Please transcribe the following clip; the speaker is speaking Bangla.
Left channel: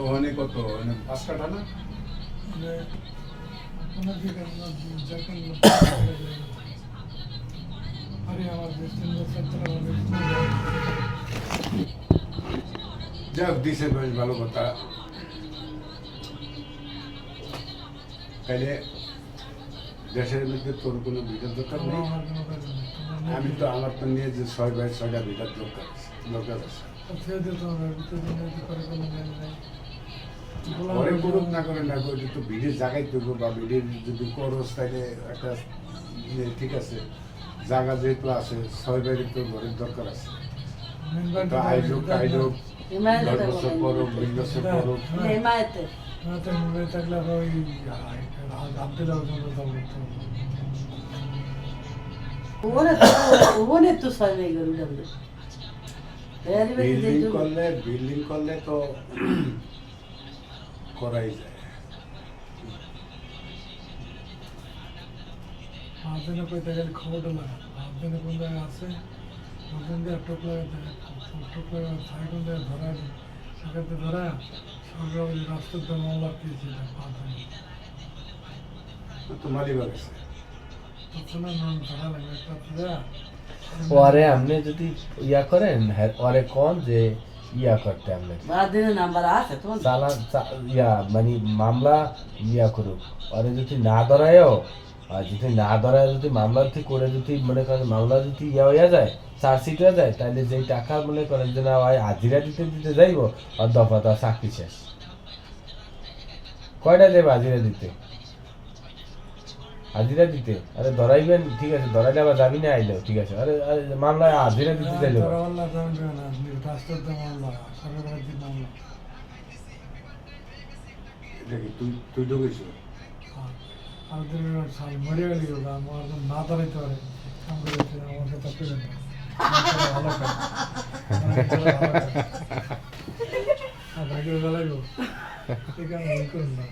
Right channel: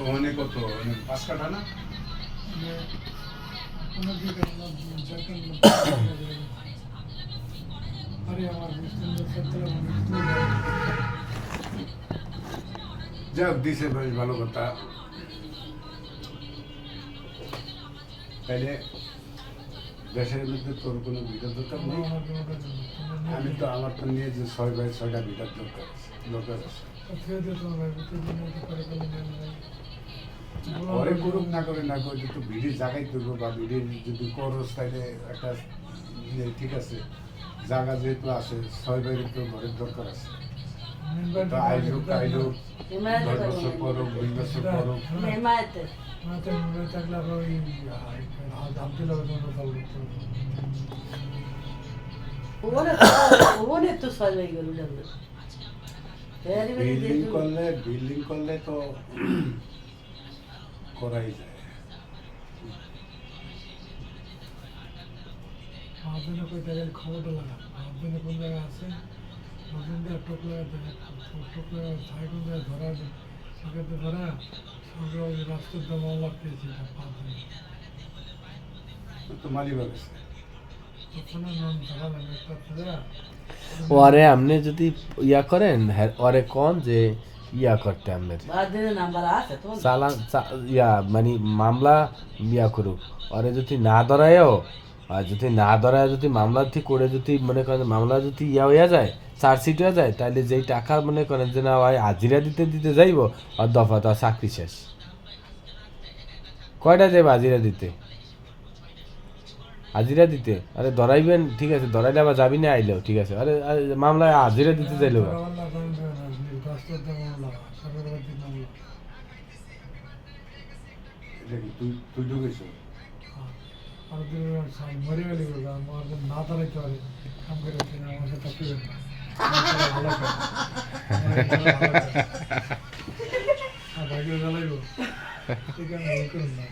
ওখানে কত 5 কাঠা না যাক দিছে বেশ ভালো কথা তাহলে দেশের মধ্যে তোর কোনো ভিটার দরকার নেই আমি তো আমার তো নিয়ে যে 6 বাই 6টা ভিটার দরকার আছে ঘরে করুক না করে না করে তো ভিড়ের জায়গায় করবো বা ভিড়ের যদি খরচ থাকে একটা ইয়ে ঠিক আছে জায়গা যেহেতু আছে 6 বাইরে তো ঘরের দরকার আছে তো আয়োজক 10 বছর করুক 20 বছর করুক বিল্ডিং করলে তো করাই যায় আপনার কই তাহলে খবরটা লাগা আপনার কোন জায়গা আছে আপনাদের টোপ লাগা ছাই কোন জায়গা ধরা সেখানে ধরা সরকার রাস্তার জন্য লাগতেছে এটা পাবে তো মালিবাগ আছে তখন নাম ধরা লাগে একটা ওরে আপনি যদি ইয়া করেন ওরে কোন যে ইয়া করতে আপনি নাম্বার আছে তো ইয়া মানে মামলা ইয়া করুক ওরে যদি না ধরায়ও আর যদি না ধরায় যদি মামলা ঠিক করে যদি মনে করেন মামলা যদি ইয়া হইয়া যায় চার্জশিট হয়ে যায় তাহলে যেই টাকা মনে করেন যে না হয় হাজিরা দিতে যাইব আর দফা তো চাকরি শেষ কয়টা যাবে হাজিরা দিতে আরে ধরাইবেন ঠিক আছে ধরাইলে আবার যাবি না আইলেও ঠিক আছে আরে মামলায় হাজিরা দিতে চাইলো তুই তো গেছো মরে গেলি আমার না দাঁড়াইতে পারে কাম করে আমার সাথে ভালো ভাগ্য জ্বালাইব ঠিক আছে করুন না